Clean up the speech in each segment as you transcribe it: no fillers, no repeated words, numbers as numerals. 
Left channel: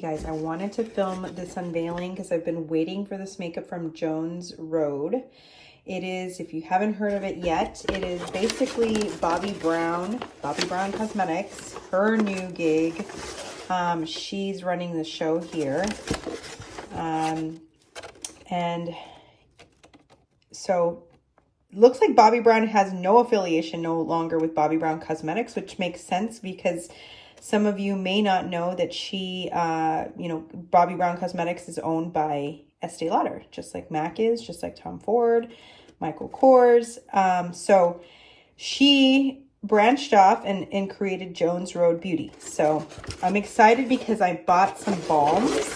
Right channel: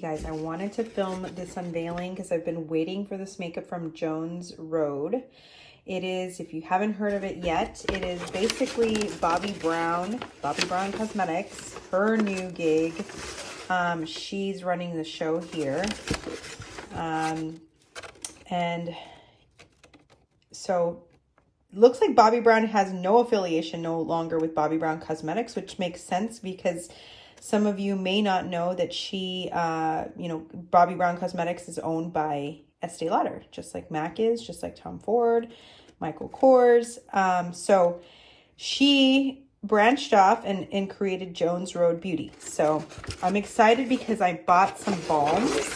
Okay guys, I wanted to film this unveiling because I've been waiting for this makeup from Jones Road. It is, if you haven't heard of it yet, it is basically Bobbi Brown Cosmetics, her new gig. She's running the show here. And so looks like Bobbi Brown has no affiliation no longer with Bobbi Brown Cosmetics, which makes sense because some of you may not know that she, Bobbi Brown Cosmetics is owned by Estee Lauder, just like MAC is, just like Tom Ford, Michael Kors. So she branched off and created Jones Road Beauty. So I'm excited because I bought some balms,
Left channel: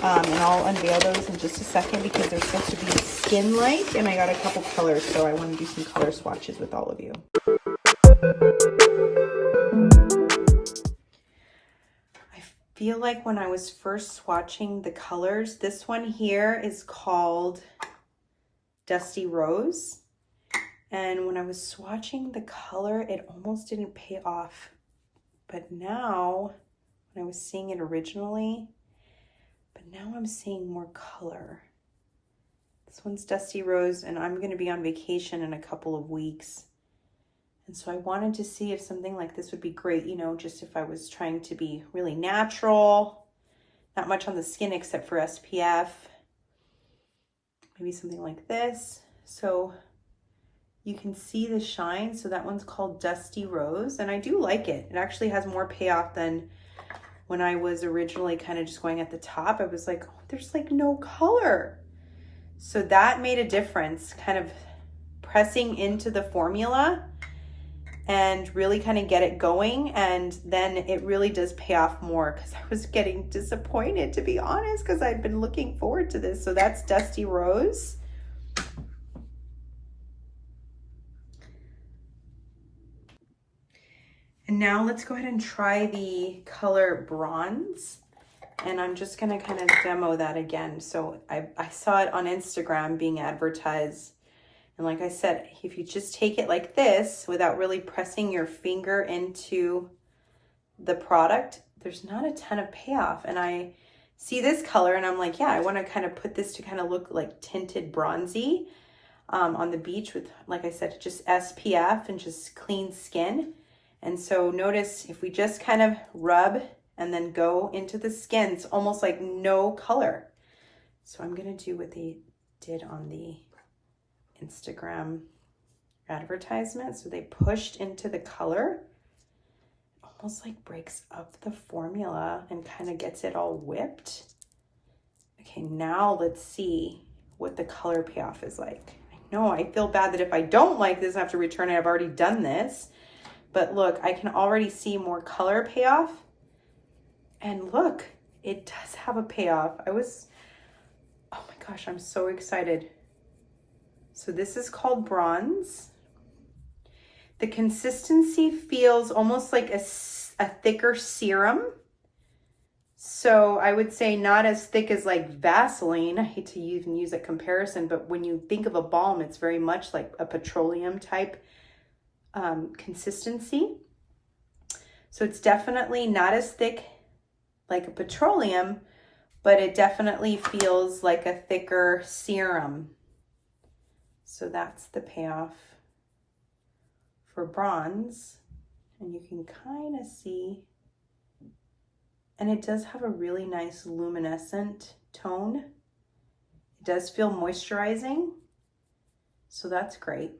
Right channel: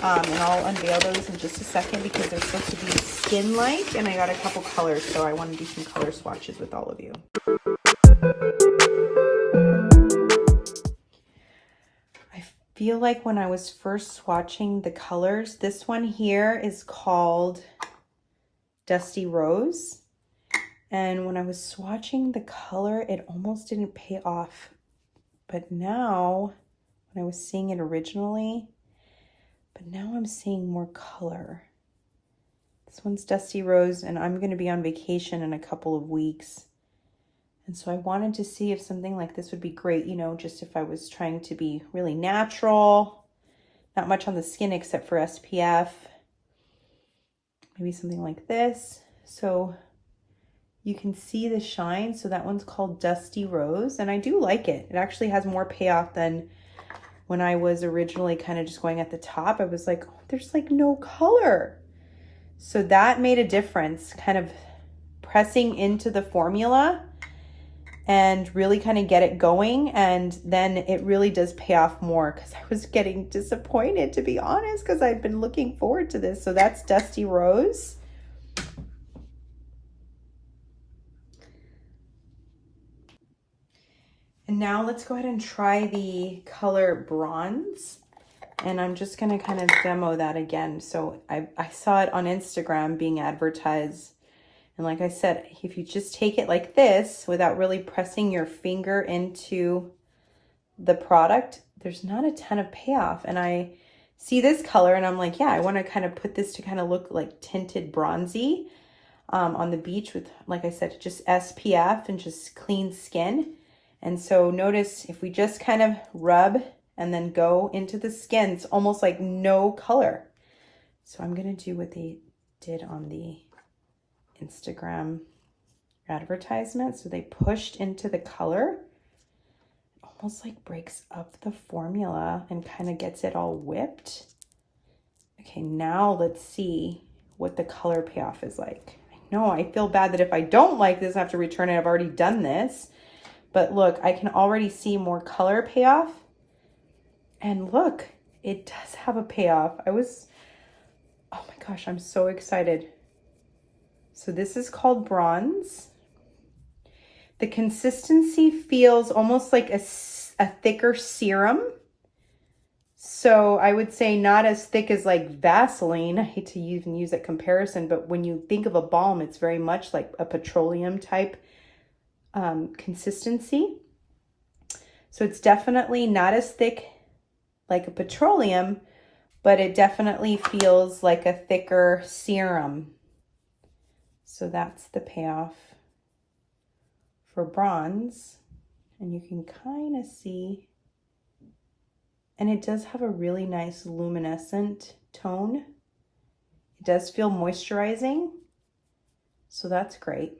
and I'll unveil those in just a second because they're supposed to be skin-like, and I got a couple colors, so I want to do some color swatches with all of you. I feel like when I was first swatching the colors, this one here is called Dusty Rose. And when I was swatching the color, it almost didn't pay off. But now, when I was seeing it originally, now I'm seeing more color. This one's Dusty Rose, and I'm gonna be on vacation in a couple of weeks. And so I wanted to see if something like this would be great, you know, just if I was trying to be really natural, not much on the skin except for SPF, maybe something like this. So you can see the shine. So that one's called Dusty Rose, and I do like it. It actually has more payoff than when I was originally kind of just going at the top. I was like, oh, there's like no color. So that made a difference, kind of pressing into the formula and really kind of get it going, and then it really does pay off more because I was getting disappointed, to be honest, because I've been looking forward to this. So that's Dusty Rose. And now let's go ahead and try the color Bronze, and I'm just going to kind of demo that again. So I saw it on Instagram being advertised. And like I said, if you just take it like this without really pressing your finger into the product, there's not a ton of payoff. And I see this color and I'm like, yeah, I want to kind of put this to kind of look like tinted bronzy on the beach with, like I said, just SPF and just clean skin. And so notice if we just kind of rub and then go into the skin, it's almost like no color. So I'm going to do what they did on the Instagram advertisement. So they pushed into the color, almost like breaks up the formula and kind of gets it all whipped. Okay, now let's see what the color payoff is like. I know I feel bad that if I don't like this, I have to return it. I've already done this, but look, I can already see more color payoff. And look, it does have a payoff. Oh my gosh, I'm so excited. So this is called Bronze. The consistency feels almost like a thicker serum. So I would say not as thick as like Vaseline. I hate to even use that comparison, but when you think of a balm, it's very much like a petroleum type consistency. So it's definitely not as thick like a petroleum, but it definitely feels like a thicker serum. So that's the payoff for Bronze. And you can kind of see, and it does have a really nice luminescent tone. It does feel moisturizing, so that's great.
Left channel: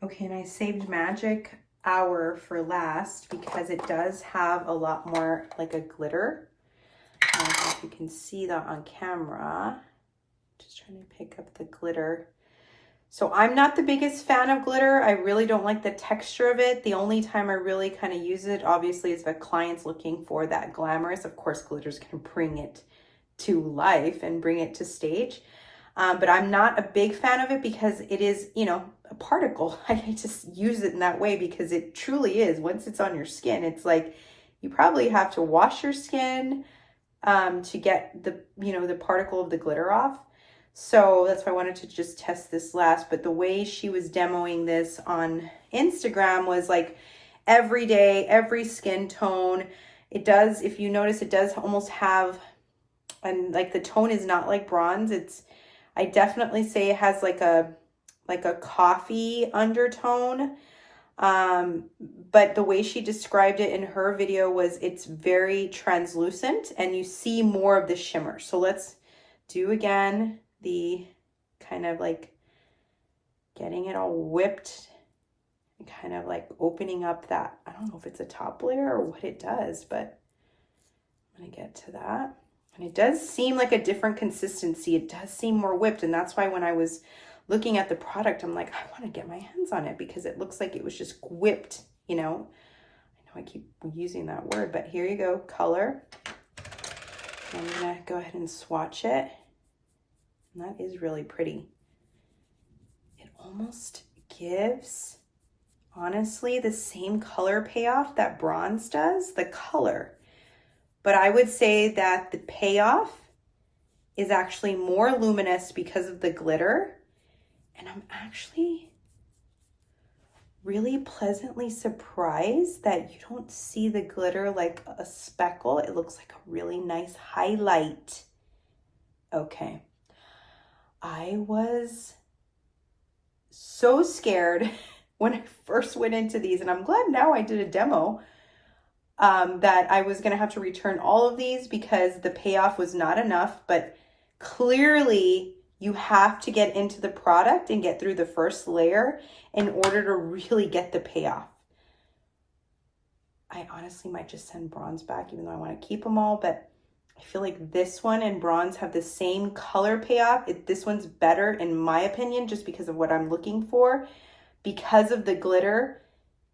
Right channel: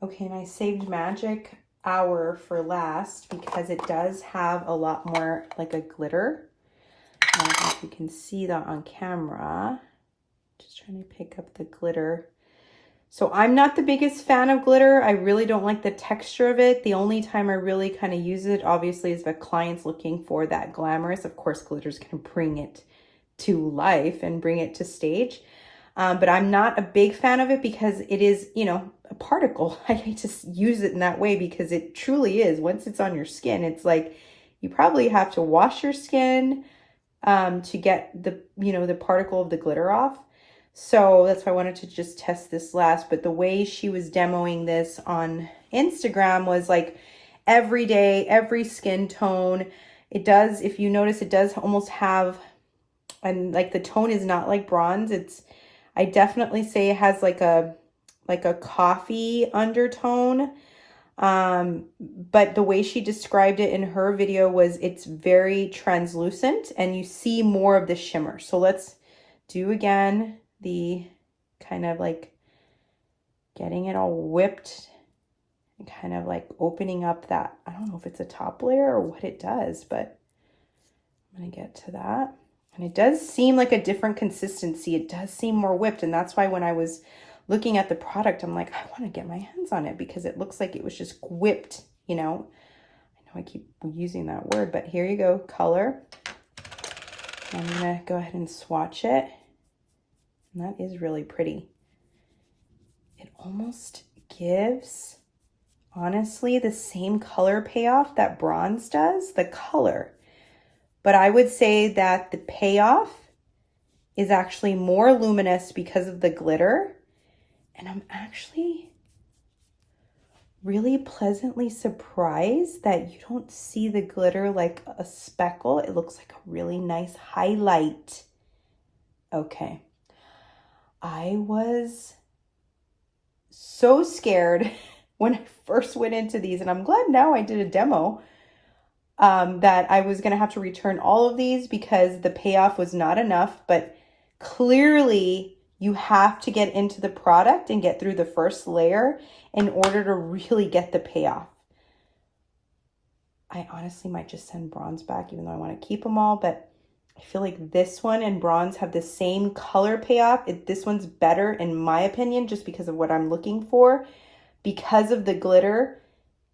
Okay, and I saved Magic Hour for last because it does have a lot more like a glitter. If you can see that on camera, just trying to pick up the glitter. So I'm not the biggest fan of glitter. I really don't like the texture of it. The only time I really kind of use it, obviously, is if a client's looking for that glamorous. Of course, glitter's gonna bring it to life and bring it to stage. But I'm not a big fan of it because it is, you know, a particle. I hate to use it in that way because it truly is. Once it's on your skin, it's like you probably have to wash your skin to get the, you know, the particle of the glitter off. So that's why I wanted to just test this last. But the way she was demoing this on Instagram was like every day, every skin tone. It does, if you notice, it does almost have, and like the tone is not like bronze. I definitely say it has like a coffee undertone. But the way she described it in her video was it's very translucent and you see more of the shimmer. So let's do again the kind of like getting it all whipped and kind of like opening up that, I don't know if it's a top layer or what it does, but I'm gonna get to that. And it does seem like a different consistency. It does seem more whipped, and that's why when I was looking at the product, I'm like, I want to get my hands on it because it looks like it was just whipped, you know. I know I keep using that word, but here you go, color. I'm gonna go ahead and swatch it. And that is really pretty. It almost gives, honestly, the same color payoff that bronze does, the color. But I would say that the payoff is actually more luminous because of the glitter. And I'm actually really pleasantly surprised that you don't see the glitter like a speckle. It looks like a really nice highlight. Okay. I was so scared when I first went into these, and I'm glad now I did a demo, that I was going to have to return all of these because the payoff was not enough. But clearly you have to get into the product and get through the first layer in order to really get the payoff. I honestly might just send bronze back, even though I want to keep them all, but I feel like this one and bronze have the same color payoff. This one's better in my opinion, just because of what I'm looking for, because of the glitter,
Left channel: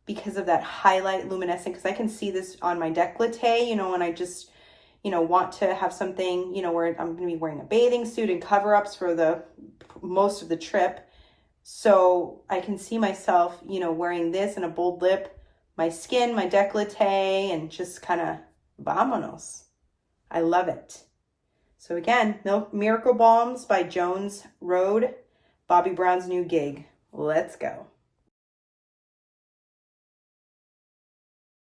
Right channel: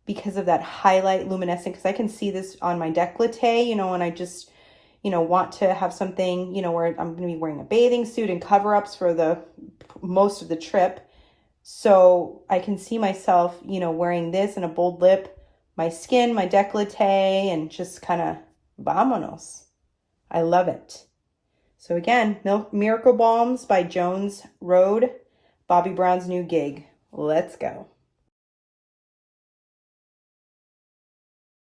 because of that highlight luminescent, because I can see this on my décolleté, you know, and I just, you know, want to have something, you know, where I'm going to be wearing a bathing suit and cover-ups for the most of the trip. So I can see myself, you know, wearing this and a bold lip, my skin, my décolleté, and just kind of vamonos. I love it. So again, Miracle Balms by Jones Road, Bobbi Brown's new gig. Let's go.